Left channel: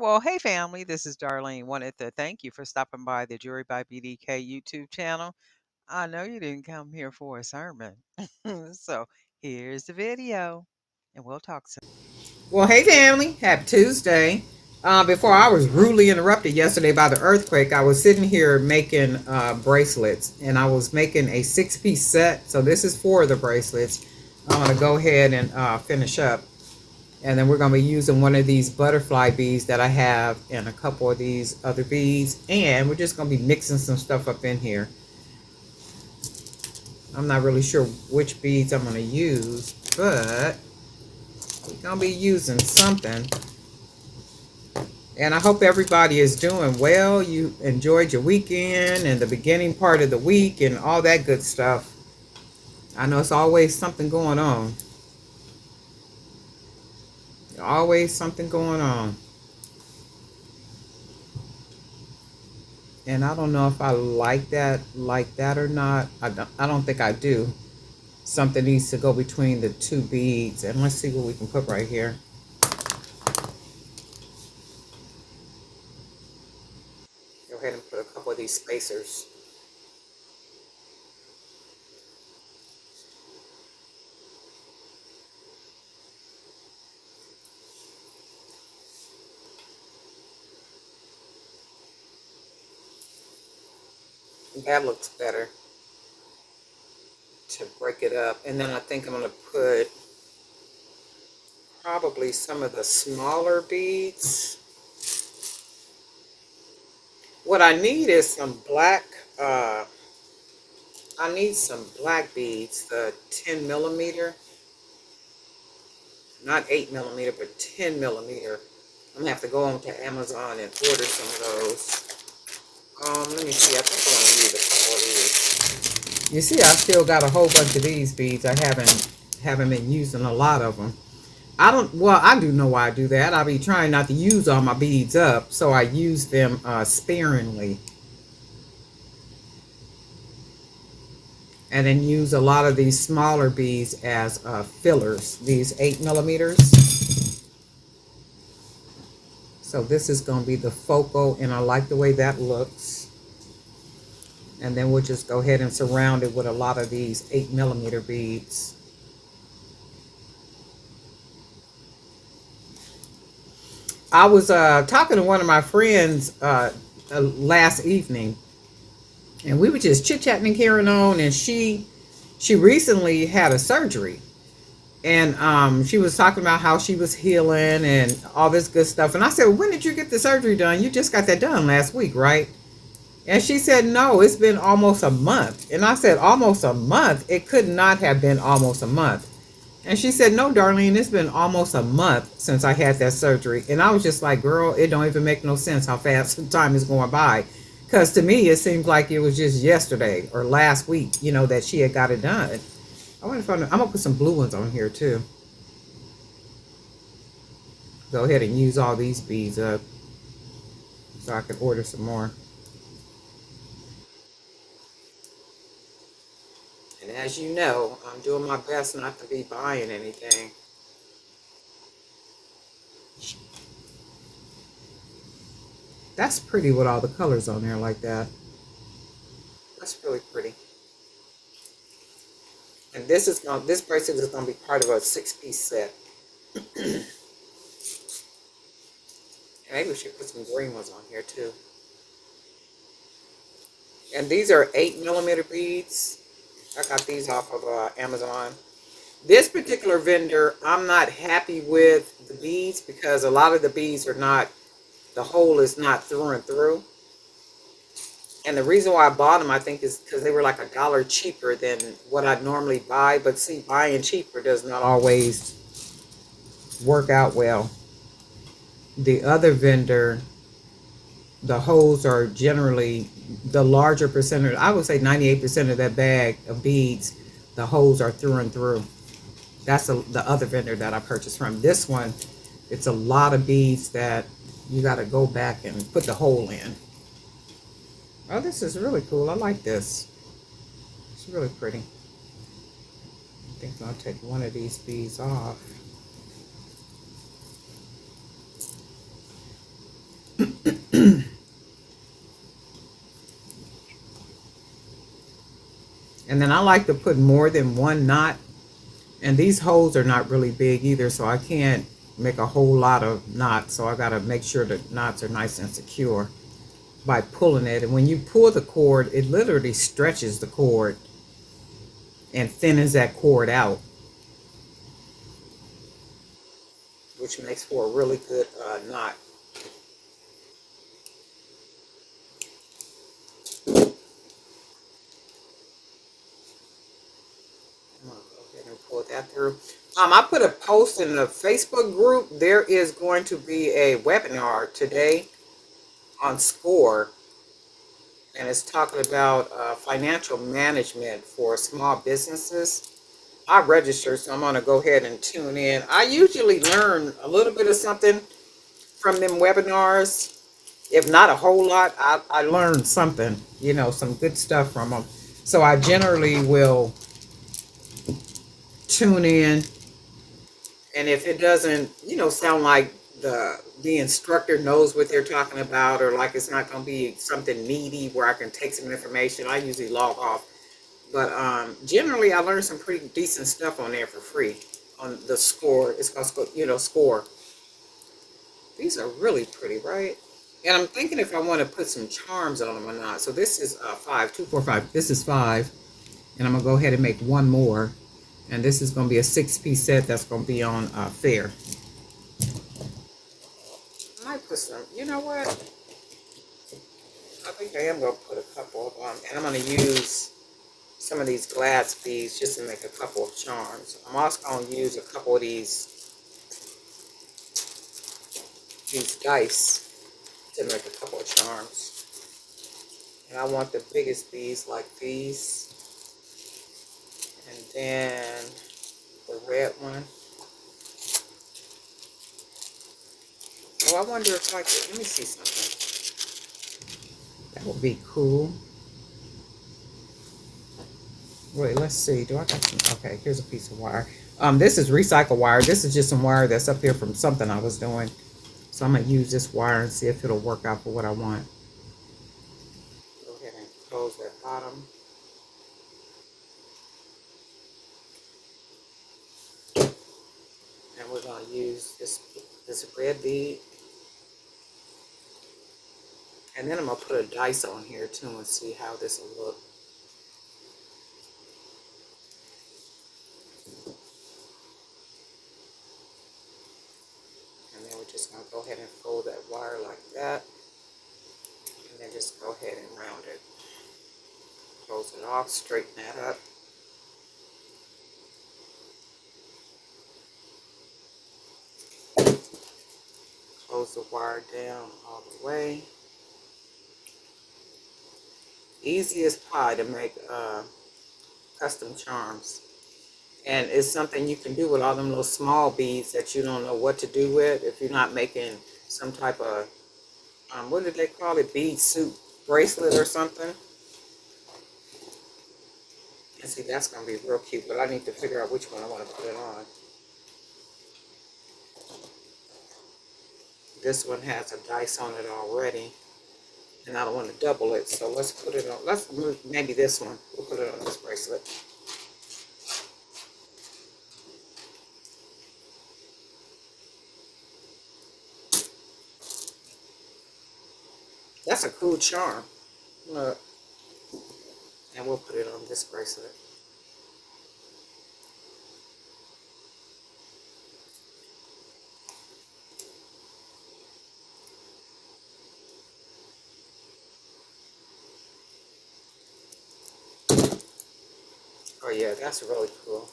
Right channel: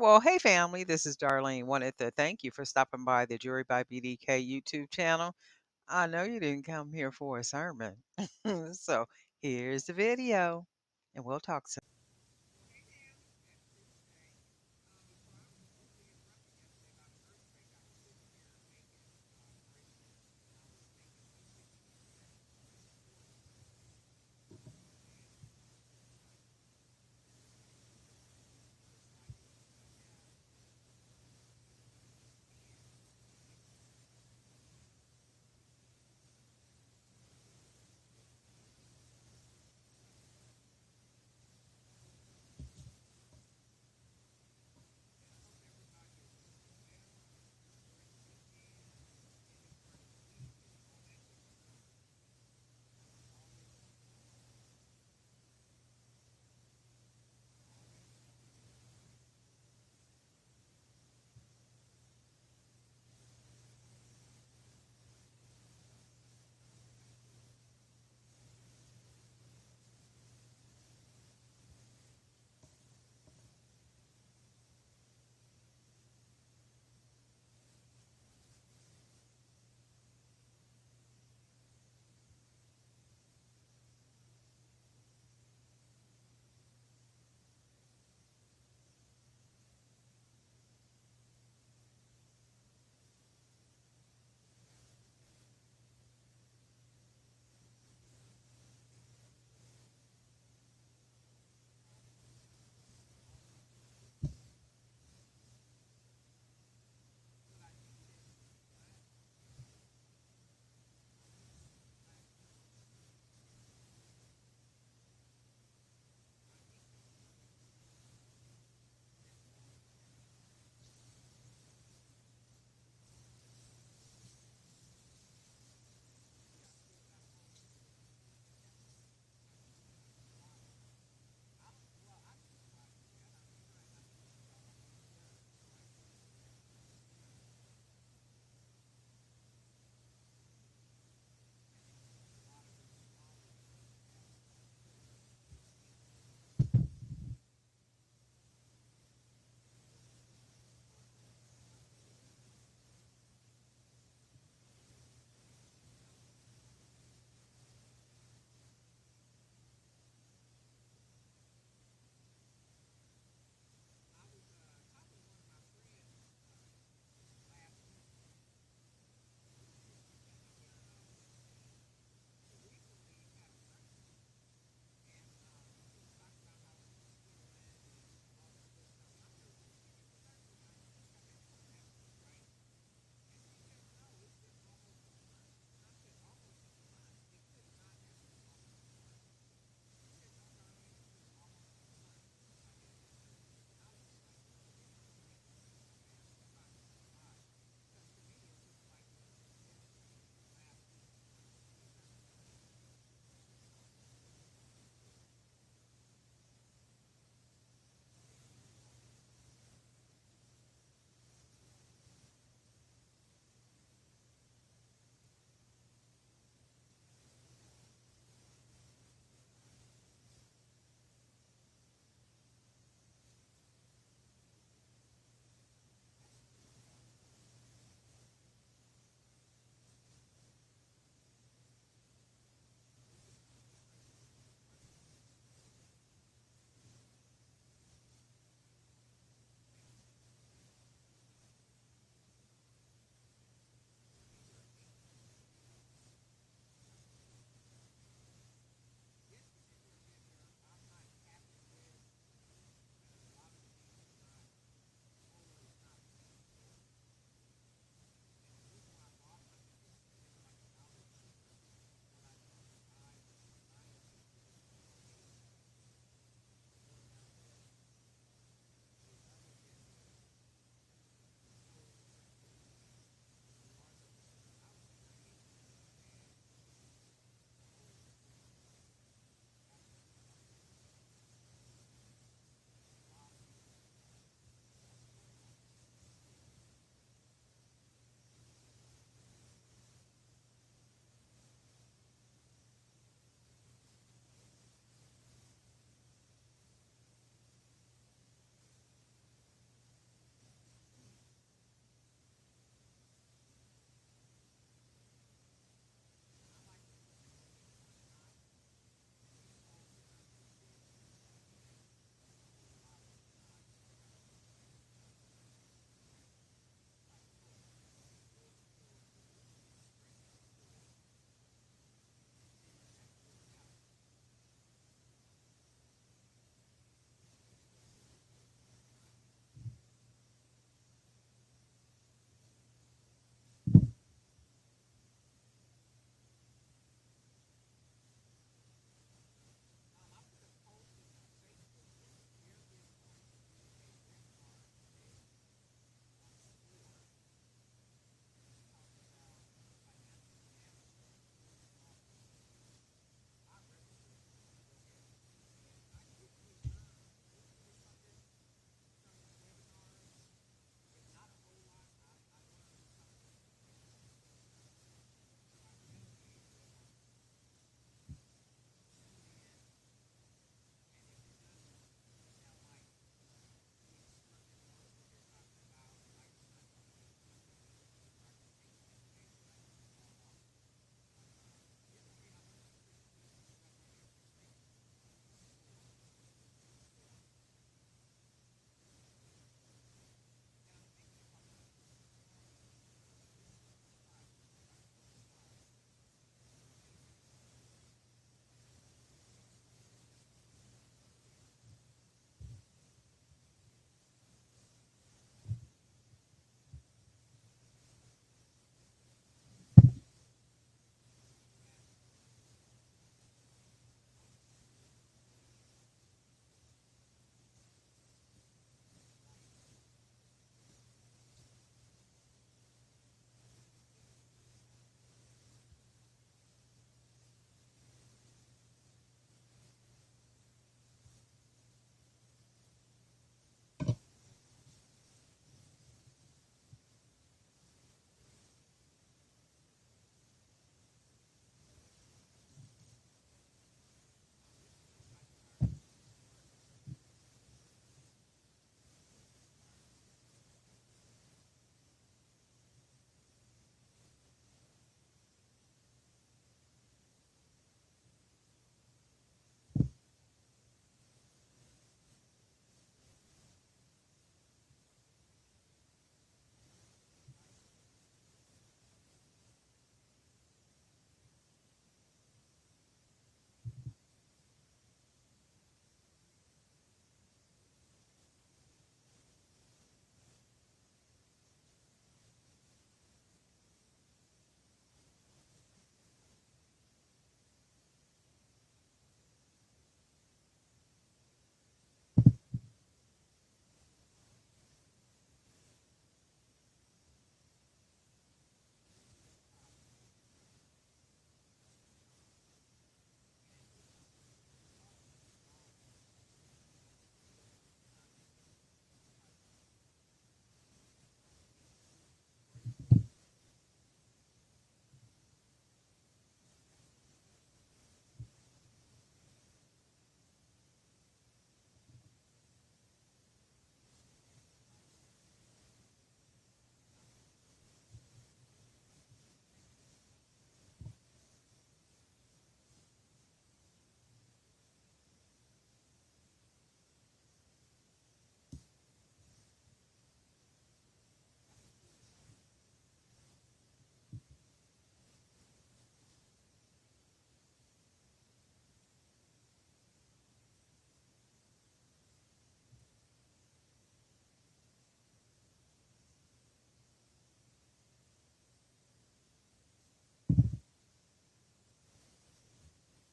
Well, hey family, this is Darlene. Wanted to thank you for stopping by the Jewelry by BDK YouTube channel. I know you didn't come here for a sermon. So here's the video, and we'll talk soon. Well, hey family, happy Tuesday. Before I was rudely interrupted yesterday by the earthquake, I was sitting here making bracelets, and I was making a six-piece set. So this is four of the bracelets. I'm going to go ahead and finish up. And then we're going to be using one of these butterfly beads that I have and a couple of these other beads. And we're just going to be mixing some stuff up in here. I'm not really sure which beads I'm going to use, but we're going to be using something. And I hope everybody is doing well. You enjoyed your weekend and the beginning part of the week and all that good stuff. I know it's always something going on. Always something going on. And I don't know if I like that or not. I don't think I do. Something needs to go between the two beads. And let's see what we can put right here. Go ahead and put a couple of these spacers. That looks better to break it up. And then I think I'm going to put probably some of the smaller beads. What I need is some black, I need some black beads, the 10 millimeter, not 8 millimeter, but 10 millimeter. I'm gonna have to go on to Amazon and order some of those. Let me see, I think I want to use a couple of these. You see, I still got a whole bunch of these beads. I haven't been using a lot of them. I do know why I do that. I'll be trying not to use all my beads up, so I use them sparingly. And then use a lot of these smaller beads as fillers, these 8 millimeters. So this is going to be the focal, and I like the way that looks. And then we'll just go ahead and surround it with a lot of these 8 millimeter beads. I was talking to one of my friends last evening, and we were just chit-chatting and carrying on, and she recently had a surgery. And she was talking about how she was healing and all this good stuff. And I said, well, when did you get the surgery done? You just got that done last week, right? And she said, no, it's been almost a month. And I said, almost a month? It could not have been almost a month. And she said, no, Darlene, it's been almost a month since I had that surgery. And I was just like, girl, it don't even make no sense how fast the time is going by. Because to me, it seems like it was just yesterday or last week, that she had got it done. I'm going to put some blue ones on here too. Go ahead and use all these beads up so I can order some more. And as you know, I'm doing my best not to be buying anything. That's pretty with all the colors on there like that. That's really pretty. And this bracelet is gonna be part of a 6-piece set. Maybe we should put some green ones on here too. And these are 8 millimeter beads. I got these off of Amazon. This particular vendor, I'm not happy with the beads because a lot of the beads are not, the hole is not through and through. And the reason why I bought them, I think, is because they were like $1 cheaper than what I'd normally buy. But see, buying cheaper does not always work out well. The other vendor, the holes are generally the larger percentage. I would say 98% of that bag of beads, the holes are through and through. That's the other vendor that I purchased from. This one, it's a lot of beads that you got to go back and put the hole in. Oh, this is really cool. I like this. It's really pretty. I think I'll take one of these beads off. And then I like to put more than one knot. And these holes are not really big either, so I can't make a whole lot of knots. So I got to make sure the knots are nice and secure by pulling it. And when you pull the cord, it literally stretches the cord and thinnens that cord out, which makes for a really good knot. I'm gonna go ahead and pull that through. I put a post in the Facebook group. There is going to be a webinar today on SCORE, and it's talking about financial management for small businesses. I registered, so I'm gonna go ahead and tune in. I usually learn a little bit of something from them webinars. If not a whole lot, I learned something, some good stuff from them. So I generally will tune in, and if it doesn't, sound like the instructor knows what they're talking about, or like it's not going to be something meaty where I can take some information, I usually log off. But generally, I learned some pretty decent stuff on there for free on the SCORE. It's called, SCORE. These are really pretty, right? And I'm thinking if I want to put some charms on them or not. So this is 5, 2, 4, 5. This is 5. And I'm going to go ahead and make one more. And this is going to be a 6-piece set that's going to be on Fair. I might put some, you know what? I think I am going to put a couple of them. And I'm going to use some of these glass beads just to make a couple of charms. I'm also going to use a couple of these dice to make a couple of charms. And I want the biggest beads like these. And then the red one. Oh, I wonder if I could, let me see something. That would be cool. Wait, let's see. Do I got some? Okay, here's a piece of wire. This is recycled wire. This is just some wire that's up here from something I was doing. So I'm going to use this wire and see if it'll work out for what I want. Go ahead and close that bottom. And we're going to use this red bead. And then I'm going to put a dice on here too and see how this will look. And then we're just going to go ahead and fold that wire like that. And then just go ahead and round it. Close it off, straighten that up. Close the wire down all the way. Easiest pie to make custom charms. And it's something you can do with all them little small beads that you don't know what to do with if you're not making some type of, what did they call it, bead suit bracelet or something. And see, that's going to be real cute, but I need to figure out which one I want to put it on. This one has a dice on it already, and I don't want to double it, so let's put it on, maybe this one, we'll put it on this bracelet. That's a cool charm. Look. And we'll put it on this bracelet. Oh yeah, that's really cool.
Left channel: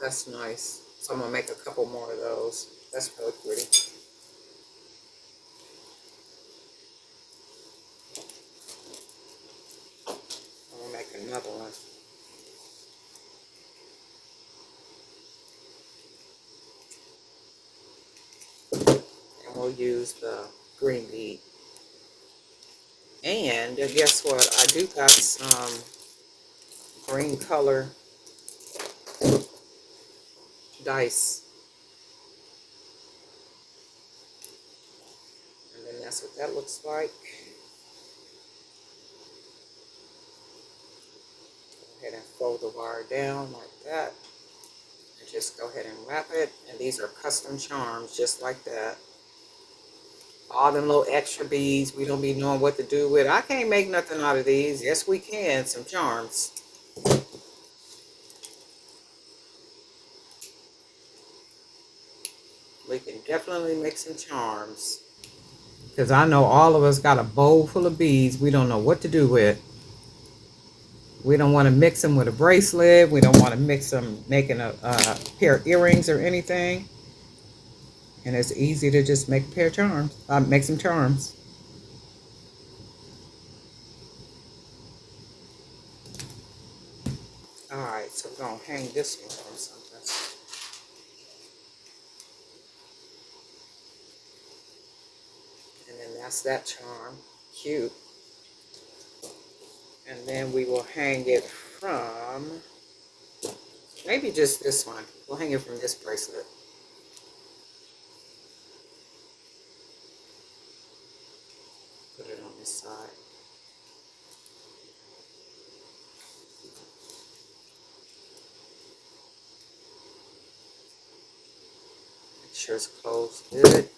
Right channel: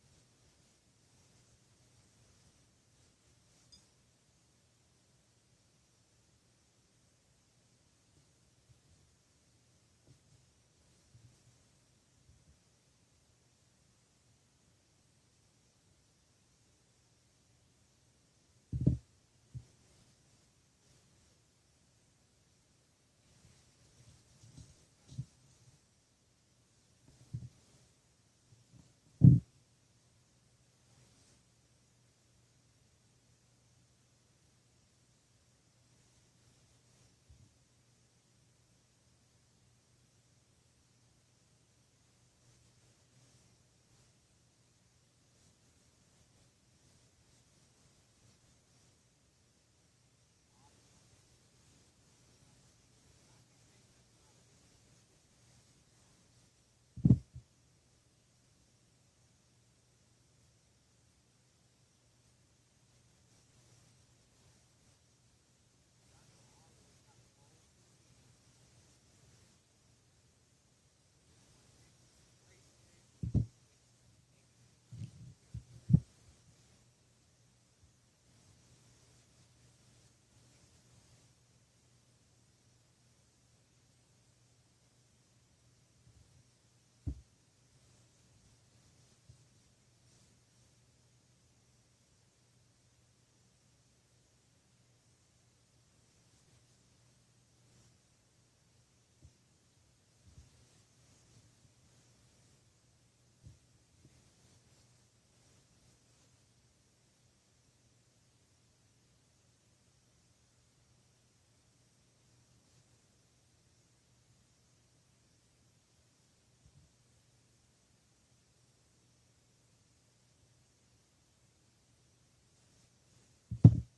That's nice. So I'm gonna make a couple more of those. That's really pretty. I'm gonna make another one. And we'll use the green bead. And guess what? I do got some green color dice. And then that's what that looks like. fold the wire down like that. And just go ahead and wrap it. And these are custom charms, just like that. All them little extra beads we don't be knowing what to do with. I can't make nothing out of these. Yes, we can. Some charms. We can definitely make some charms. Because I know all of us got a bowl full of beads we don't know what to do with. We don't want to mix them with a bracelet. We don't want to mix them making a pair of earrings or anything. And it's easy to just make a pair of charms. Make some charms. All right, so we're going to hang this one on something. And then that's that charm. Cute. And then we will hang it from, maybe just this one. We'll hang it from this bracelet. Put it on this side. Make sure it's closed good.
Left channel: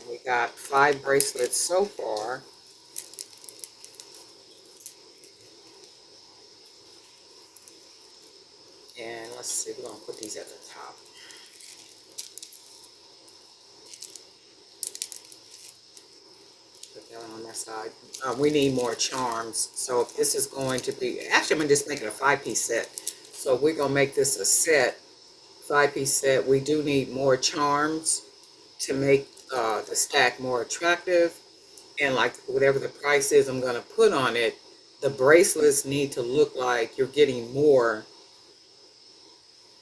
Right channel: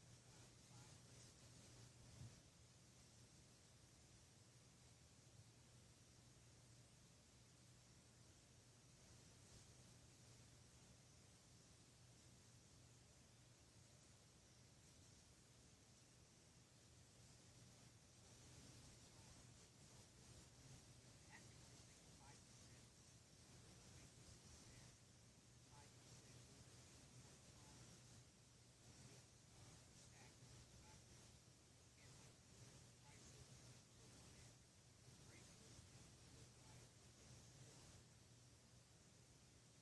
And we got 5 bracelets so far. And let's see, we're going to put these at the top. Put that on that side. We need more charms. So if this is going to be, actually I'm going to just make it a 5-piece set. So we're going to make this a set, 5-piece set. We do need more charms to make the stack more attractive. And like whatever the price is I'm going to put on it, the bracelets need to look like you're getting more,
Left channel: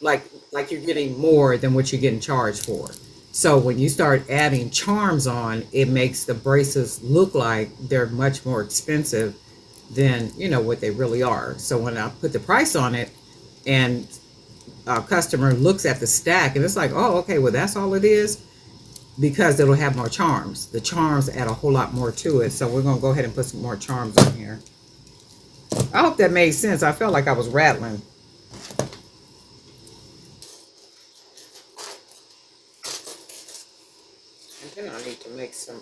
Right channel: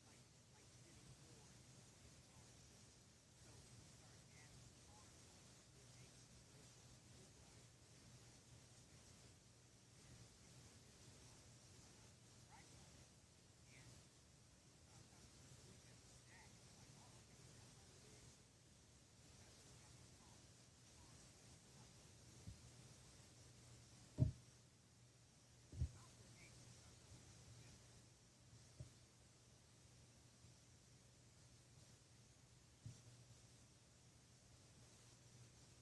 like you're getting more than what you're getting charged for. So when you start adding charms on, it makes the bracelets look like they're much more expensive than what they really are. So when I put the price on it and a customer looks at the stack and it's like, oh, okay, well that's all it is, because it'll have more charms. The charms add a whole lot more to it. So we're gonna go ahead and put some more charms on here. I hope that made sense. I felt like I was rattling. And then I need to make some,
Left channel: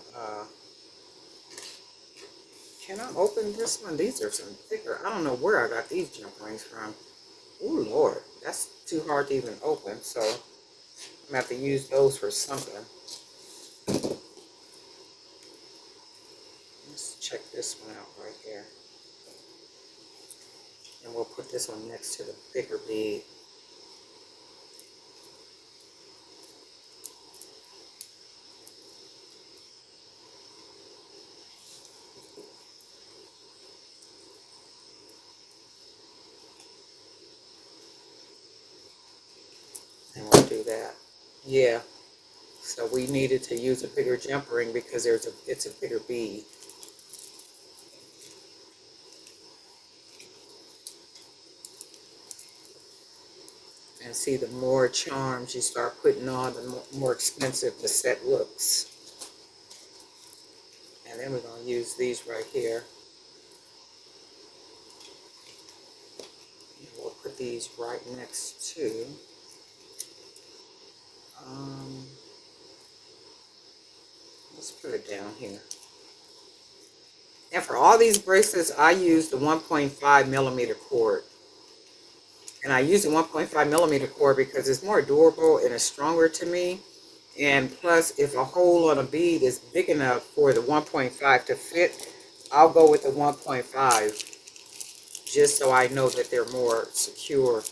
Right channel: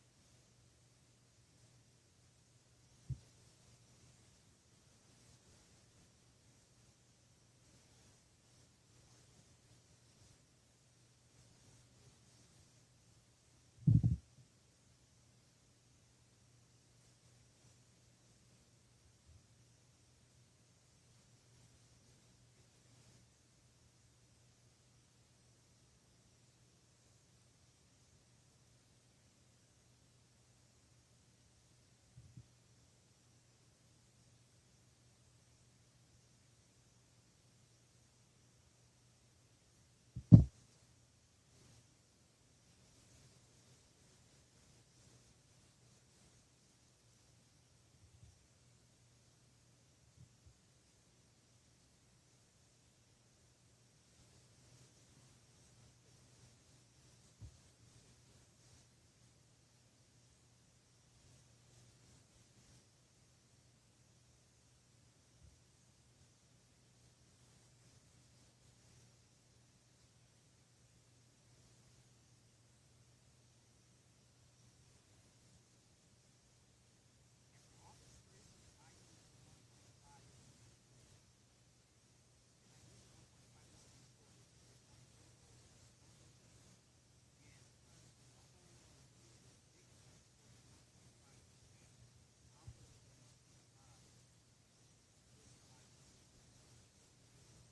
can I open this one? These are some thicker. I don't know where I got these jump rings from. Oh Lord, that's too hard to even open. So I'm gonna have to use those for something. Let's check this one out right here. And we'll put this one next to the bigger bead. And we'll do that. Yeah. So we needed to use a bigger jump ring because it's a bigger bead. And see, the more charms you start putting on, the more expensive the set looks. And then we're going to use these right here. And we'll put these right next to, um, let's put it down here. And for all these bracelets, I use the 1.5 millimeter cord. And I use the 1.5 millimeter cord because it's more durable and it's stronger to me. And plus, if a hole on a bead is big enough for the 1.5 to fit, I'll go with the 1.5 just so I know that they're more secure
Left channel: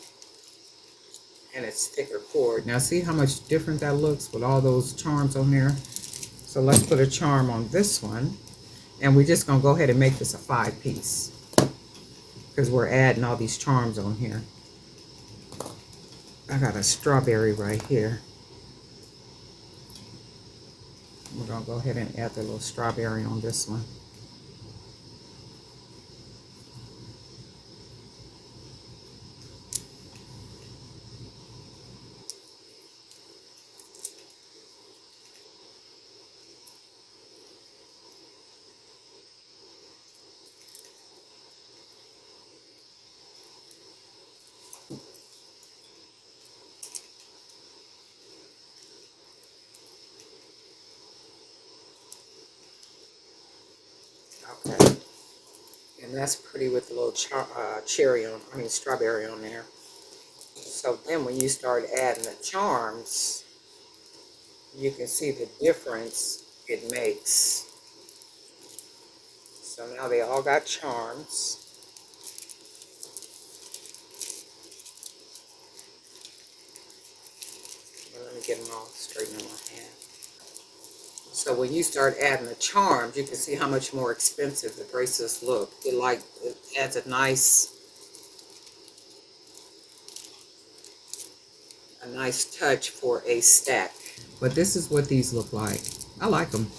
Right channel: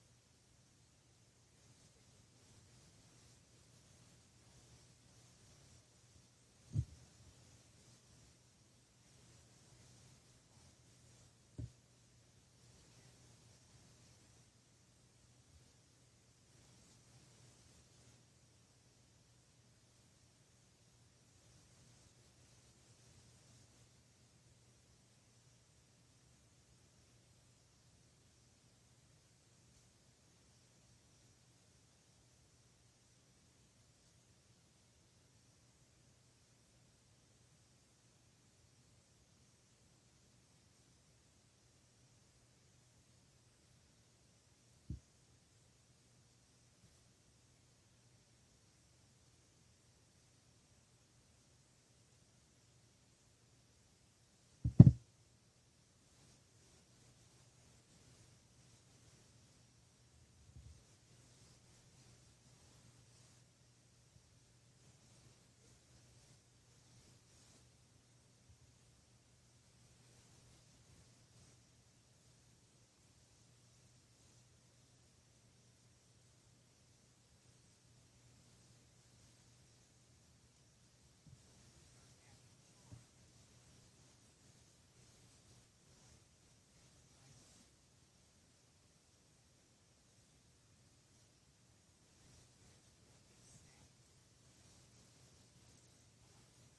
and it's thicker cord. Now see how much different that looks with all those charms on there? So let's put a charm on this one. And we're just going to go ahead and make this a 5-piece because we're adding all these charms on here. I got a strawberry right here. We're going to go ahead and add the little strawberry on this one. that's pretty with a little cherry on, I mean strawberry on there. So then when you start adding the charms, you can see the difference it makes. So now they all got charms. Well, let me get them all straightened in my hand. So when you start adding the charms, you can see how much more expensive the bracelets look. It adds a nice touch for a stack. But this is what these look like. I like them.